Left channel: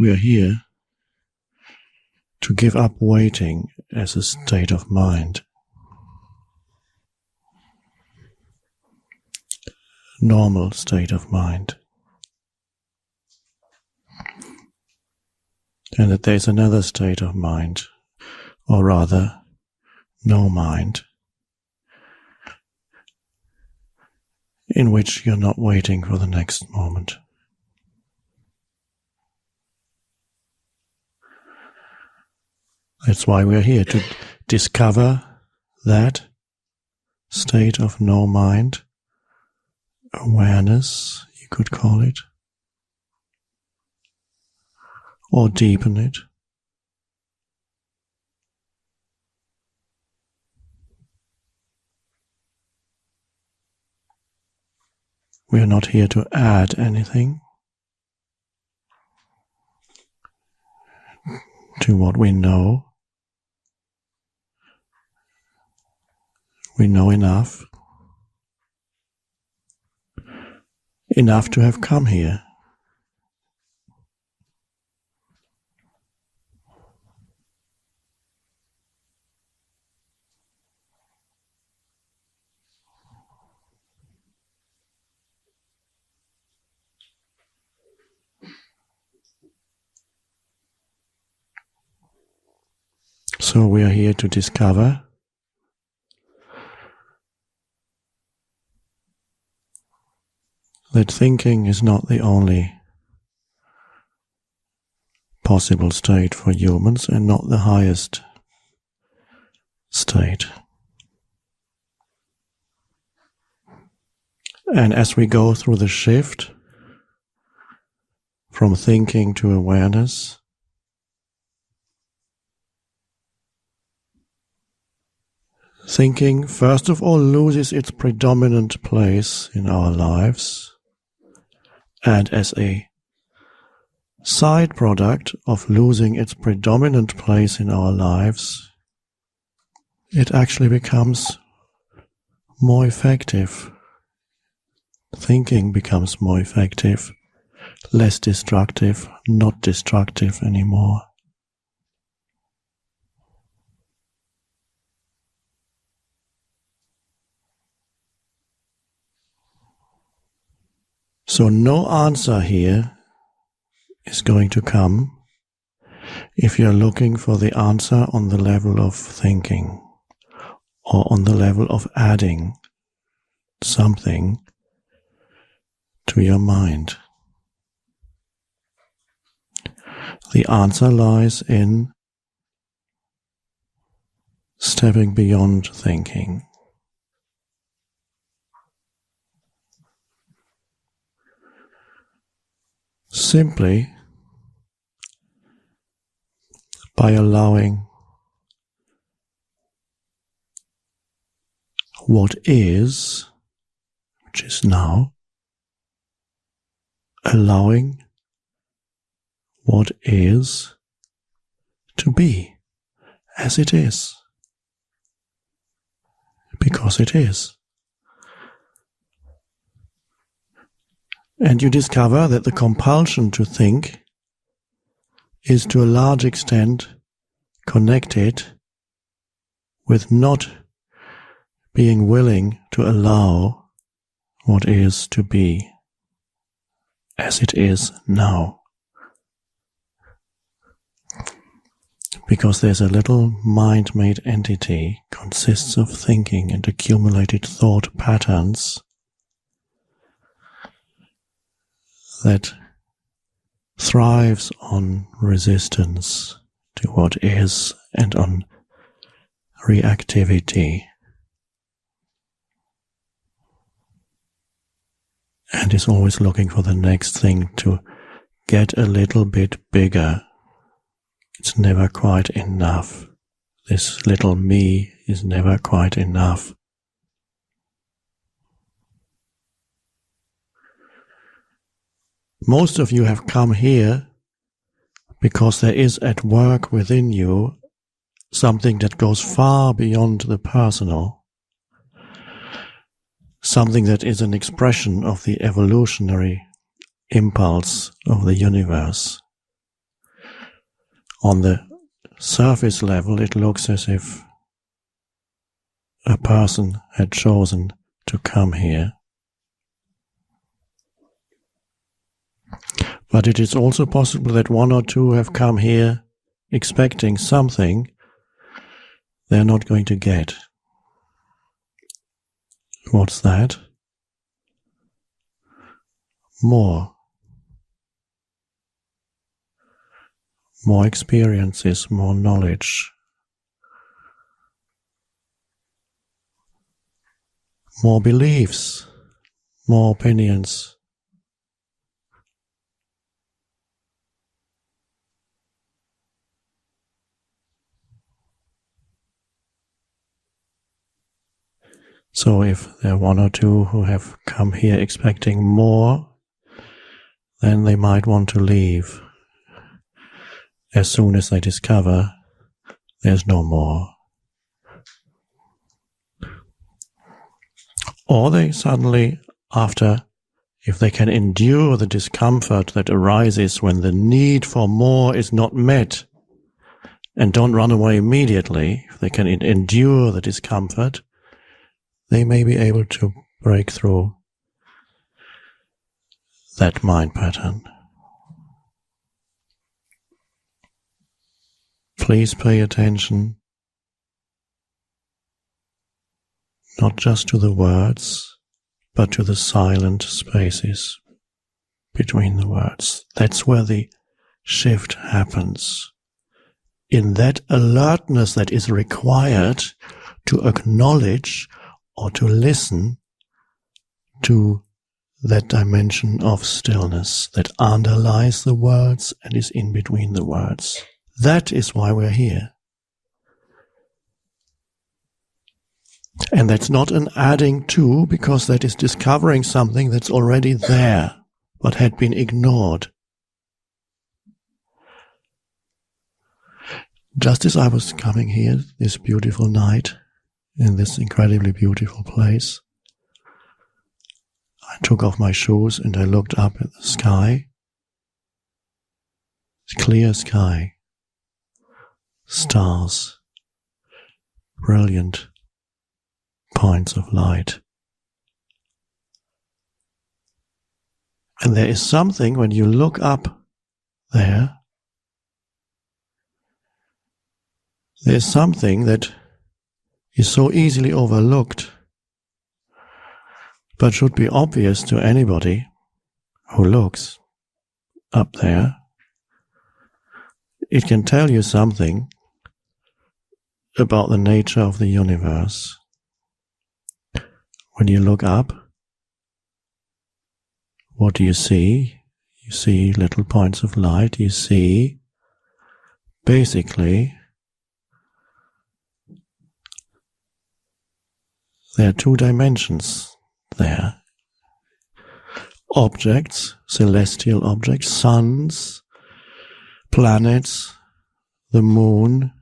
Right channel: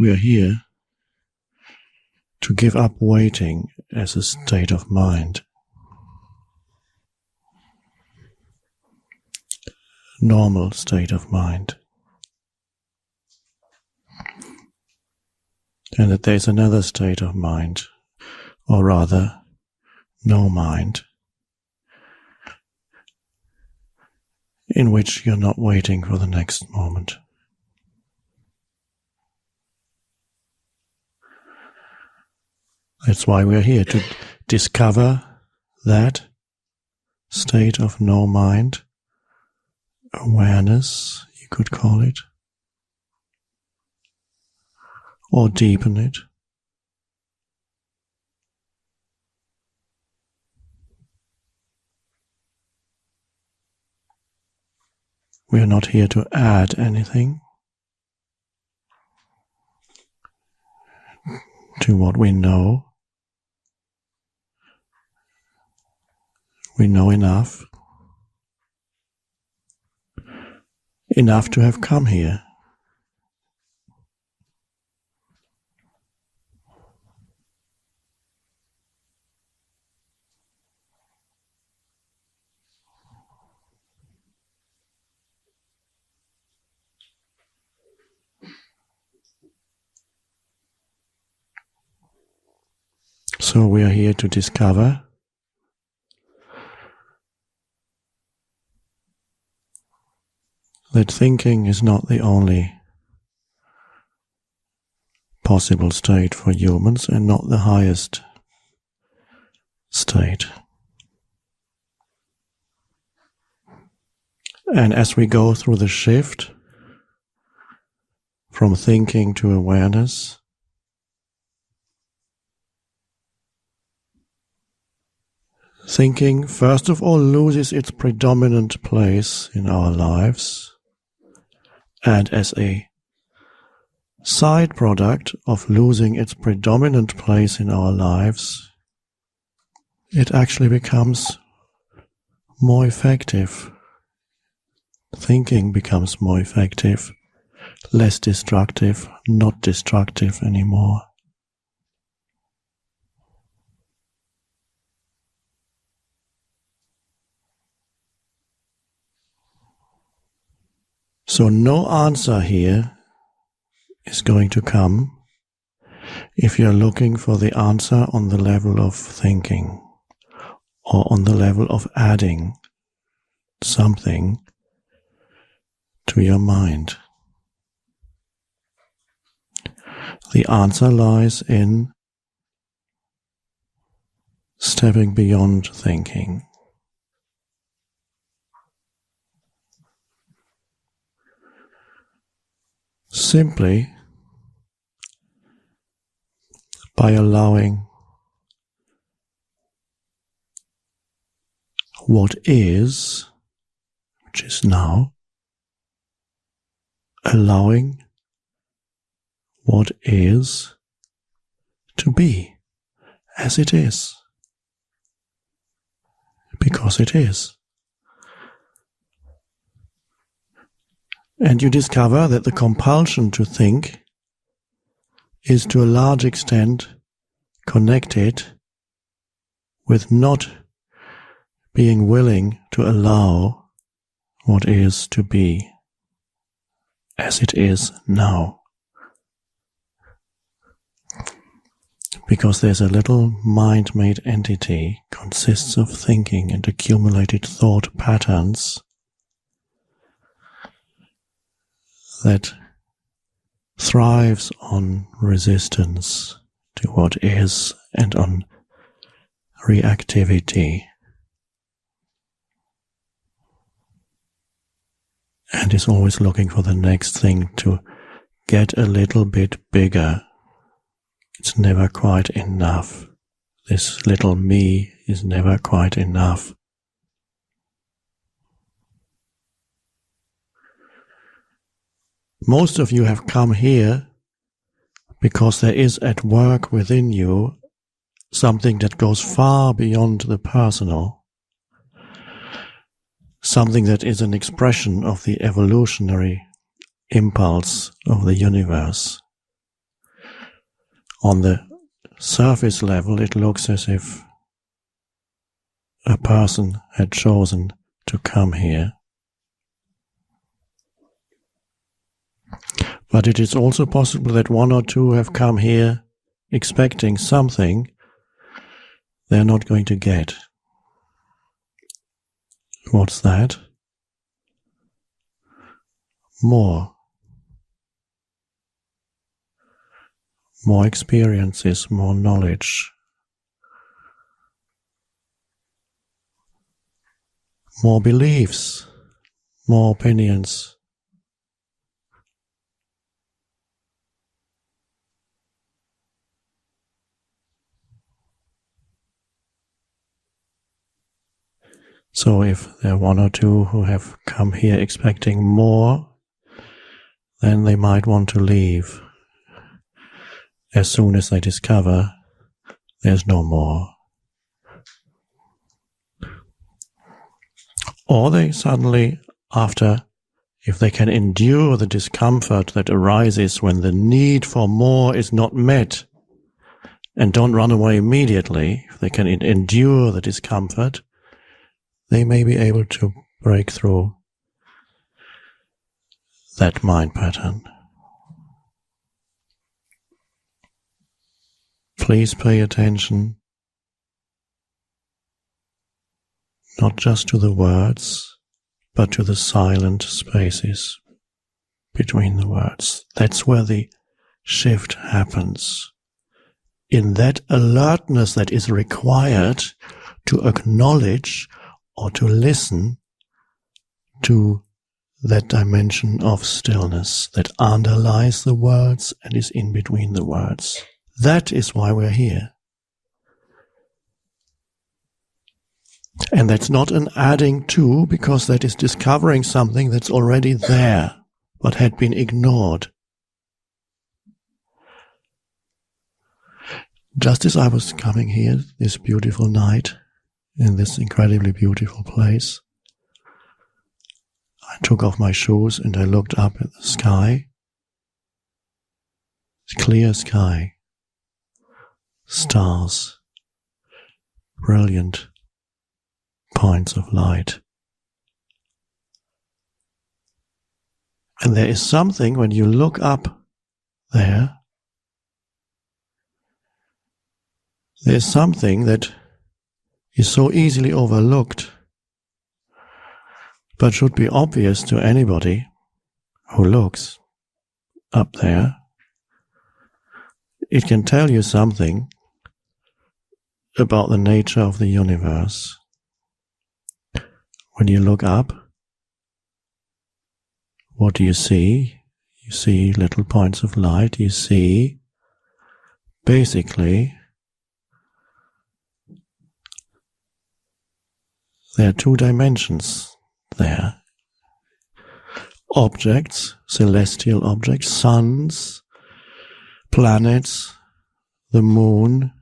We are here to give up waiting as a state of mind. Normal state of mind. And that there is another state of mind, or rather, no mind, in which you're not waiting for the next moment. That's why we're here, to discover that state of no mind, awareness, you could call it, or deepen it. We are not here to add anything to what we know. We know enough to have come here. So we are here to discover that thinking is not the only possible state for humans and not the highest state. And as we go through the shift from thinking to awareness, thinking, first of all, loses its predominant place in our lives, and as a side product of losing its predominant place in our lives, it actually becomes more effective. Thinking becomes more effective, less destructive, not destructive anymore. So no answer here is going to come if you're looking for the answer on the level of thinking or on the level of adding something to your mind. The answer lies in stepping beyond thinking. Simply by allowing what is, which is now, allowing what is to be as it is, because it is. And you discover that the compulsion to think is to a large extent connected with not being willing to allow what is to be as it is now. Because there's a little mind-made entity, consists of thinking and accumulated thought patterns that thrives on resistance to what is and on reactivity, and is always looking for the next thing to get a little bit bigger. It's never quite enough. This little me is never quite enough. Most of you have come here because there is at work within you something that goes far beyond the personal, something that is an expression of the evolutionary impulse of the universe, On the surface level, it looks as if a person had chosen to come here. But it is also possible that one or two have come here expecting something they're not going to get. What's that? More. More experiences, more knowledge. More beliefs, more opinions. So if there are one or two who have come here expecting more, then they might want to leave as soon as they discover there's no more. Or they suddenly, if they can endure the discomfort that arises when the need for more is not met, and don't run away immediately, if they can endure the discomfort, they may be able to break through that mind pattern. Please pay attention not just to the words, but to the silent spaces between the words. That's where the shift happens. In that alertness that is required to acknowledge or to listen to that dimension of stillness that underlies the words and is in between the words. That is why we're here. And that's not an adding to, because that is discovering something that's already there, but had been ignored. Just as I was coming here this beautiful night, in this incredibly beautiful place, I took off my shoes and I looked up at the sky. Clear sky. Stars. Brilliant points of light. And there is something when you look up there, there's something that is so easily overlooked, but should be obvious to anybody who looks up there. It can tell you something about the nature of the universe. When you look up, what do you see? You see little points of light. You see, basically, there are two dimensions there. Objects, celestial objects, suns, planets, the moon,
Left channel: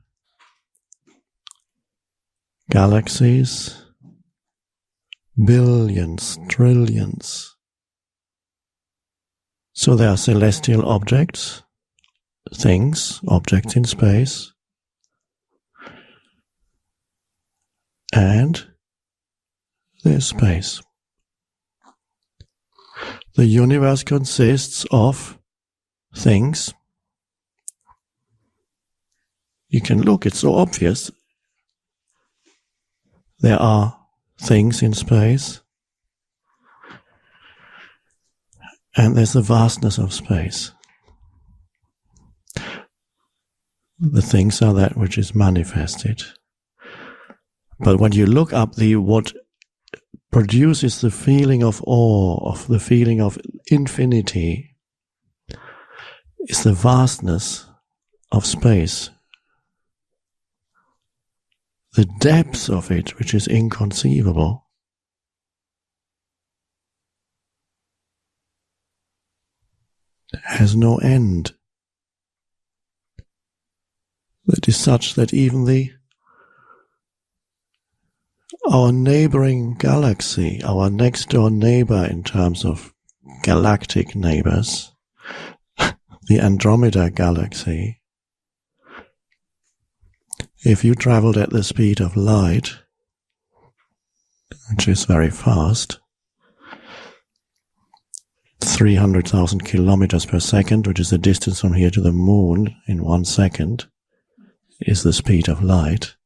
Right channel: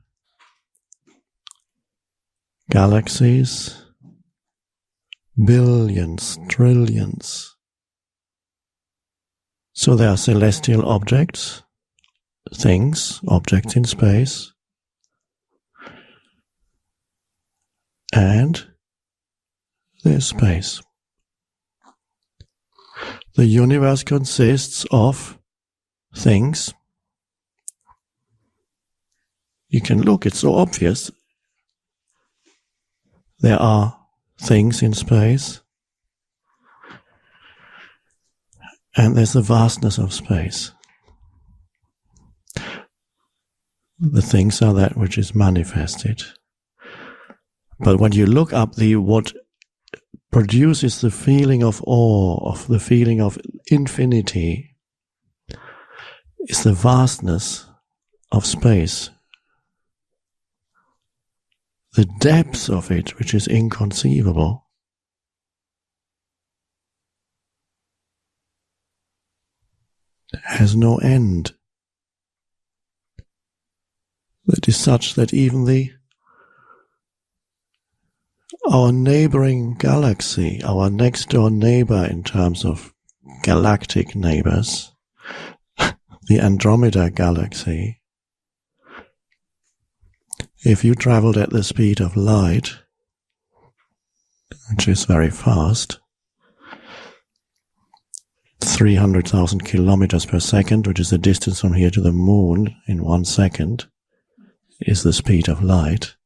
galaxies, billions, trillions. So there are celestial objects, things, objects in space, and there's space. The universe consists of things. You can look, it's so obvious. There are things in space, and there's the vastness of space. The things are that which is manifested. But when you look up, what produces the feeling of awe, of the feeling of infinity, is the vastness of space. The depth of it, which is inconceivable. Has no end. That is such that even our neighboring galaxy, our next door neighbor in terms of galactic neighbors, the Andromeda galaxy, if you traveled at the speed of light, which is very fast, 300,000 kilometers per second, which is the distance from here to the moon in 1 second, is the speed of light.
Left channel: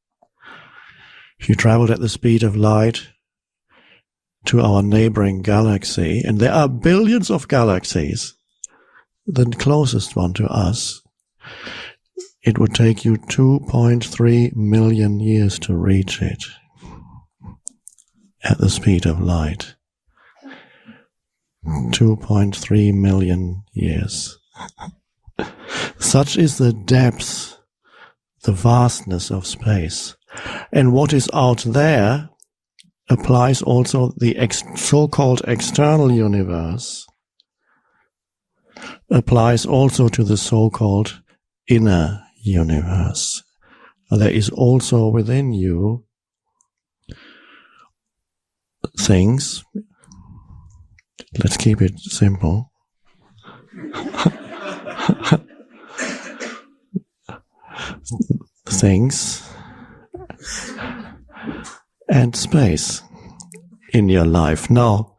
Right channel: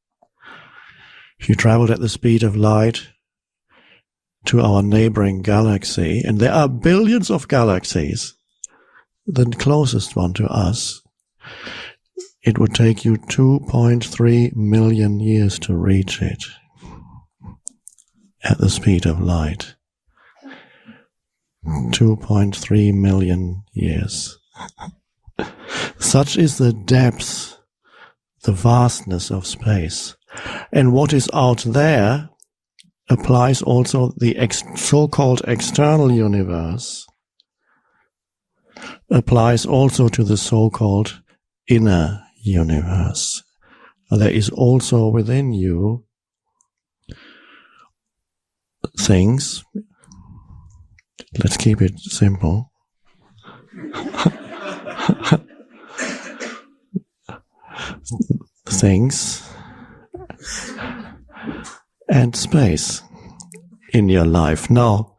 If you traveled at the speed of light to our neighboring galaxy, and there are billions of galaxies, the closest one to us, it would take you 2.3 million years to reach it at the speed of light. 2.3 million years. Such is the depth, the vastness of space. And what is out there applies also the so-called external universe, applies also to the so-called inner universe. There is also within you things. Let's keep it simple. Things and space in your life. Now,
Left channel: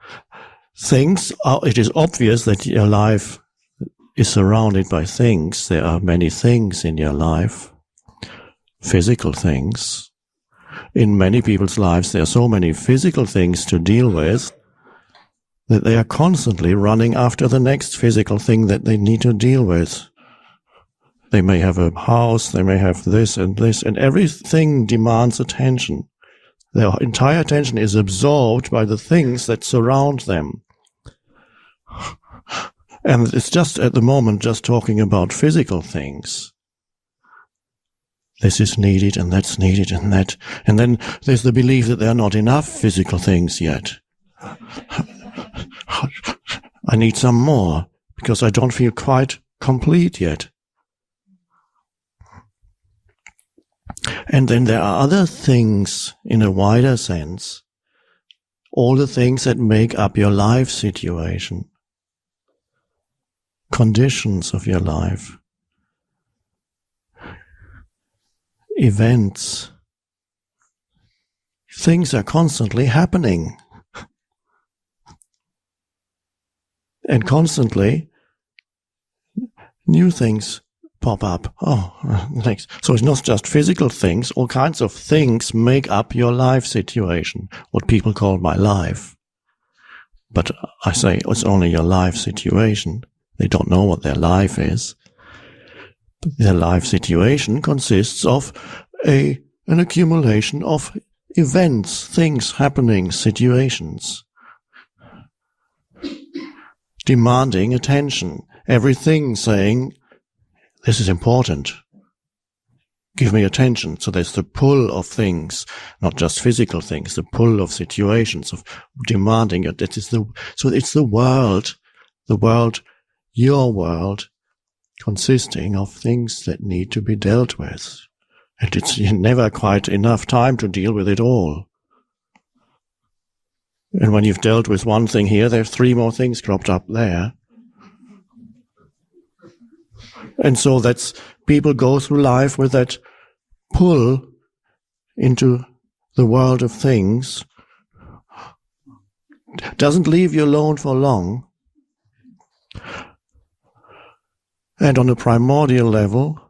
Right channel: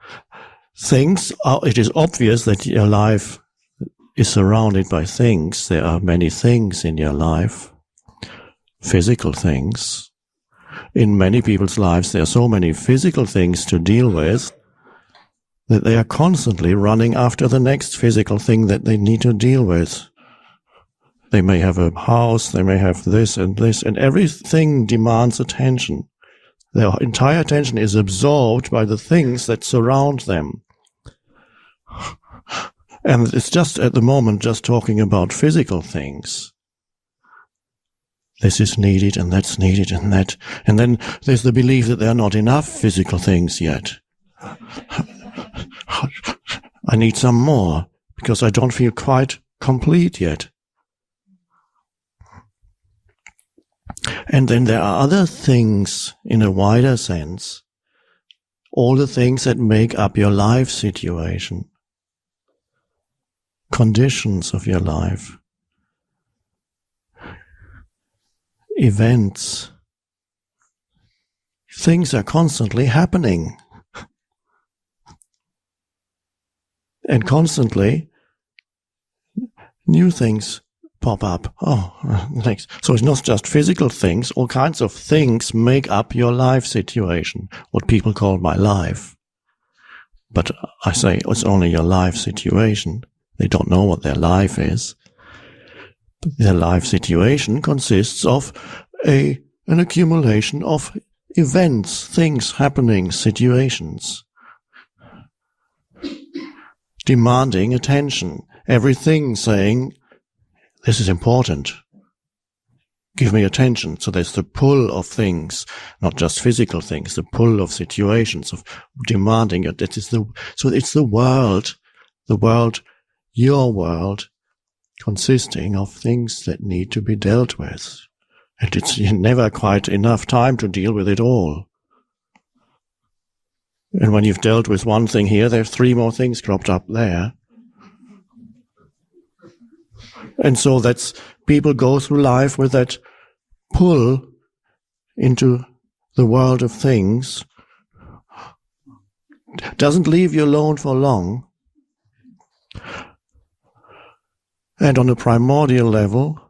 things are, it is obvious that your life is surrounded by things. There are many things in your life, physical things. In many people's lives, there are so many physical things to deal with that they are constantly running after the next physical thing that they need to deal with. They may have a house, they may have this, and everything demands attention. Their entire attention is absorbed by the things that surround them. And it's just at the moment just talking about physical things. This is needed, and that's needed, and that. And then there's the belief that there are not enough physical things yet. I need some more, because I don't feel quite complete yet. And then there are other things in a wider sense, all the things that make up your life situation, conditions of your life, events. Things are constantly happening. And constantly new things pop up. Next. So it's not just physical things, all kinds of things make up your life situation, what people call my life. But I say it's only your life situation. They don't know what their life is. But their life situation consists of an accumulation of events, things happening, situations, demanding attention. Everything saying, this is important. Give me attention. So there's the pull of things, not just physical things, the pull of situations, of demanding it. So it's the world, your world, consisting of things that need to be dealt with. And it's never quite enough time to deal with it all. And when you've dealt with one thing here, there are 3 more things cropped up there. And so people go through life with that pull into the world of things. Doesn't leave you alone for long. And on a primordial level,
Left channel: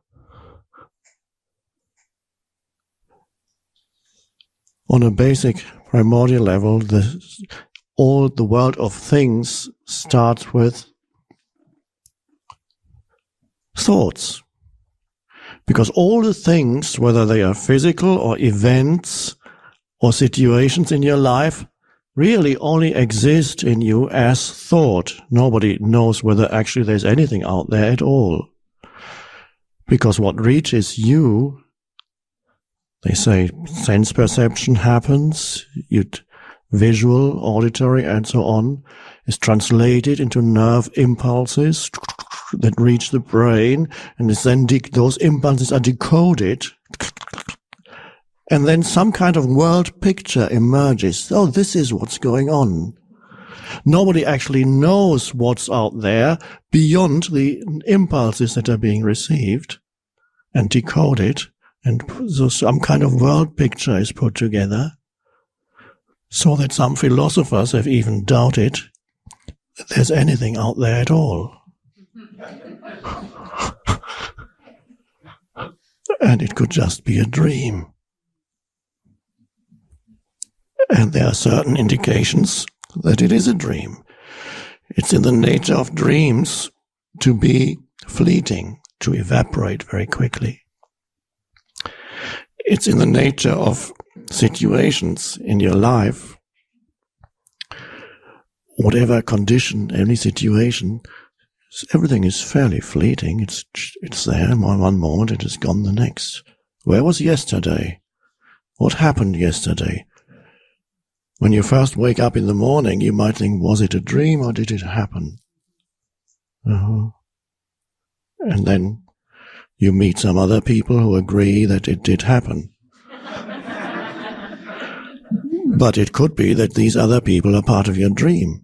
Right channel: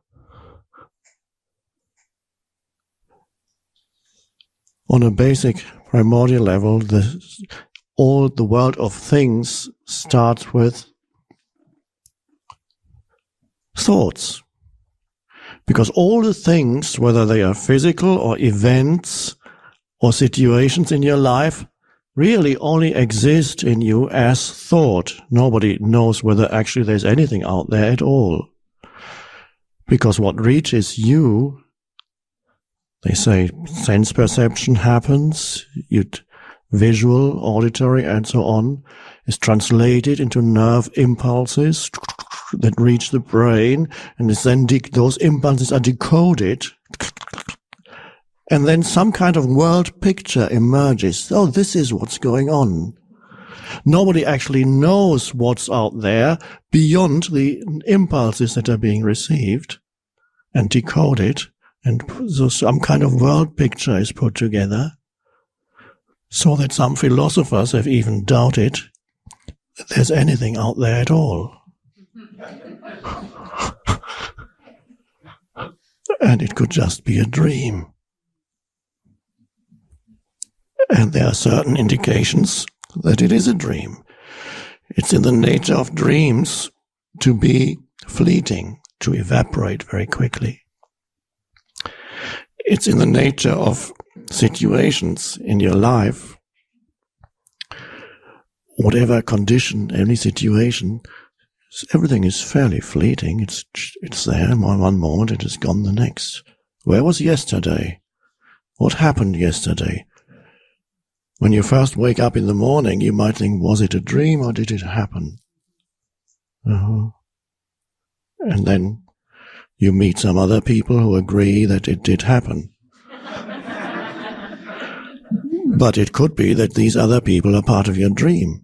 on a basic primordial level, all the world of things starts with thoughts. Because all the things, whether they are physical or events or situations in your life, really only exist in you as thought. Nobody knows whether actually there's anything out there at all. Because what reaches you, they say sense perception happens, visual, auditory, and so on, is translated into nerve impulses that reach the brain, and then those impulses are decoded, and then some kind of world picture emerges. Oh, this is what's going on. Nobody actually knows what's out there beyond the impulses that are being received and decoded And so some kind of world picture is put together, so that some philosophers have even doubted that there's anything out there at all. And it could just be a dream. And there are certain indications that it is a dream. It's in the nature of dreams to be fleeting, to evaporate very quickly. It's in the nature of situations in your life, whatever condition, any situation, everything is fairly fleeting. It's there one moment, it is gone the next. Where was yesterday? What happened yesterday? When you first wake up in the morning, you might think, was it a dream or did it happen? And then you meet some other people who agree that it did happen. But it could be that these other people are part of your dream.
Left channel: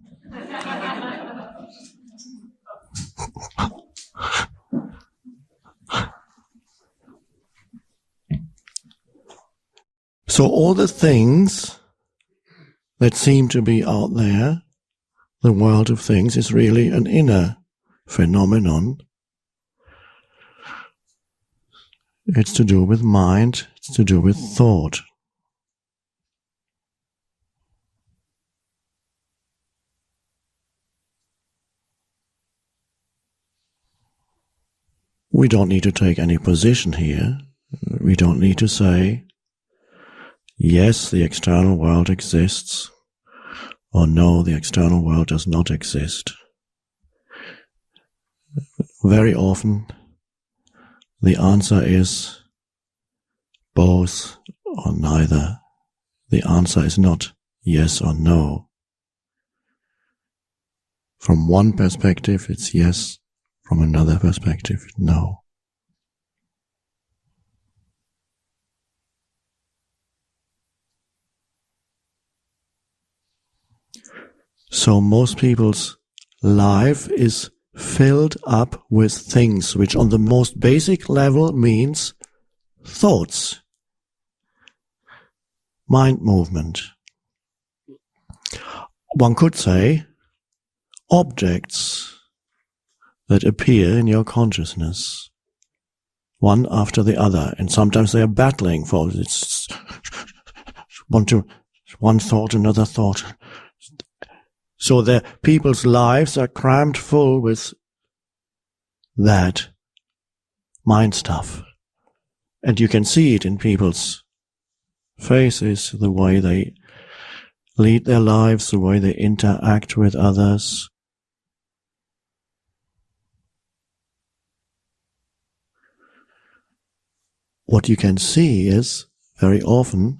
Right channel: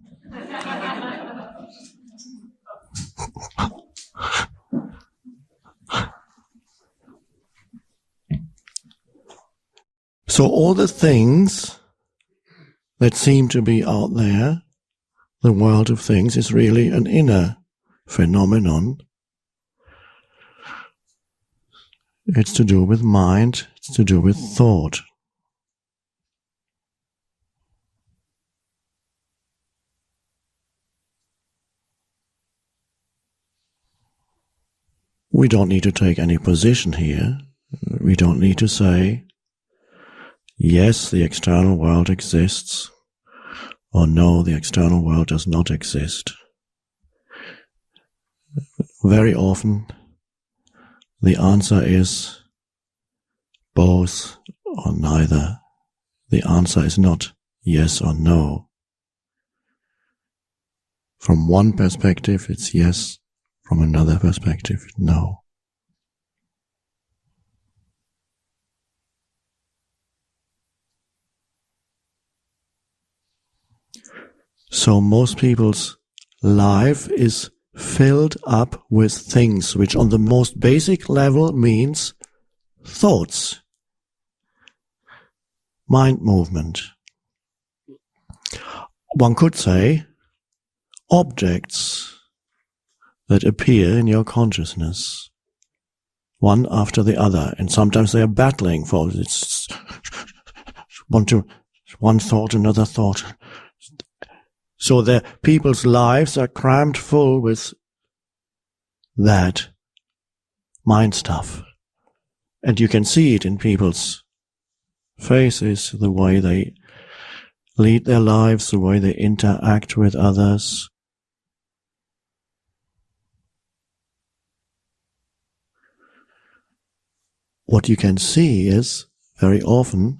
So all the things that seem to be out there, the world of things, is really an inner phenomenon. It's to do with mind, it's to do with thought. We don't need to take any position here. We don't need to say, yes, the external world exists, or no, the external world does not exist. Very often, the answer is both or neither. The answer is not yes or no. From one perspective, it's yes. From another perspective, no. So most people's life is filled up with things which on the most basic level means thoughts, mind movement. One could say objects that appear in your consciousness, one after the other, and sometimes they are battling for it's one thought, another thought. So the people's lives are crammed full with that mind stuff. And you can see it in people's faces, the way they lead their lives, the way they interact with others. What you can see is, very often,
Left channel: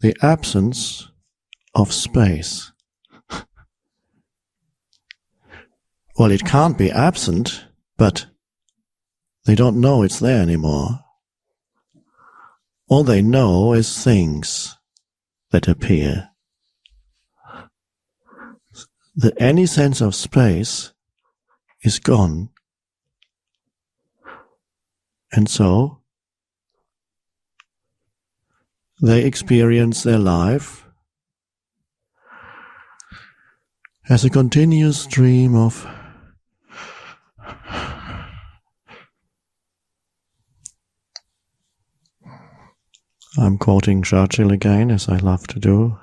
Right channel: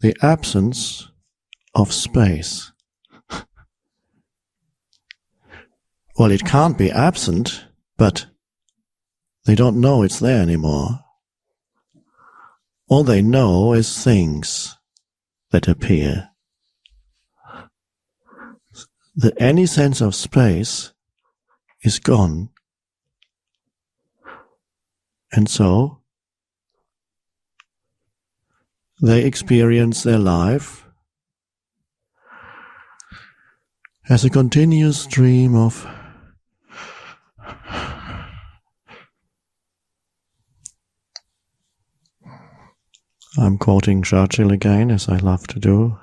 the absence of space. Well, it can't be absent, but they don't know it's there anymore. All they know is things that appear. Any sense of space is gone. And so, they experience their life as a continuous stream of I'm quoting Churchill again, as I love to do,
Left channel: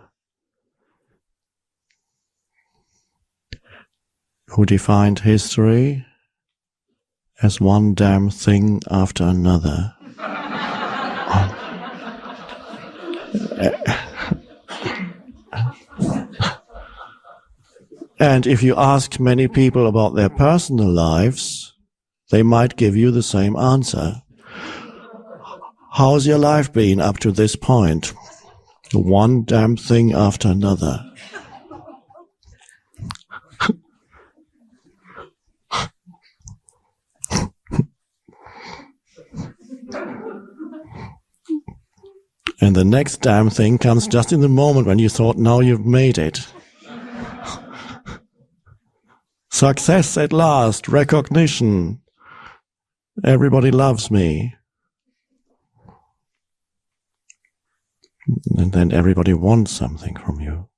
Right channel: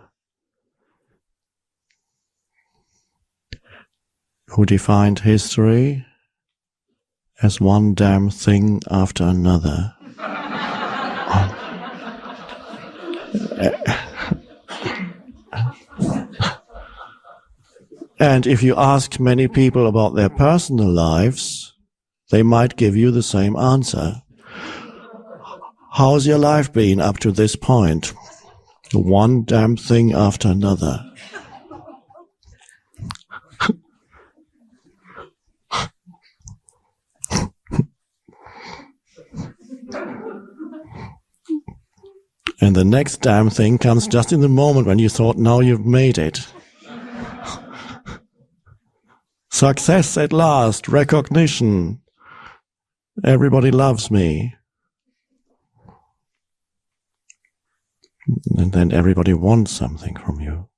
who defined history as one damn thing after another. And if you ask many people about their personal lives, they might give you the same answer. How's your life been up to this point? One damn thing after another. And the next damn thing comes just in the moment when you thought, now you've made it. Success at last, recognition. everybody loves me. And then everybody wants something from you.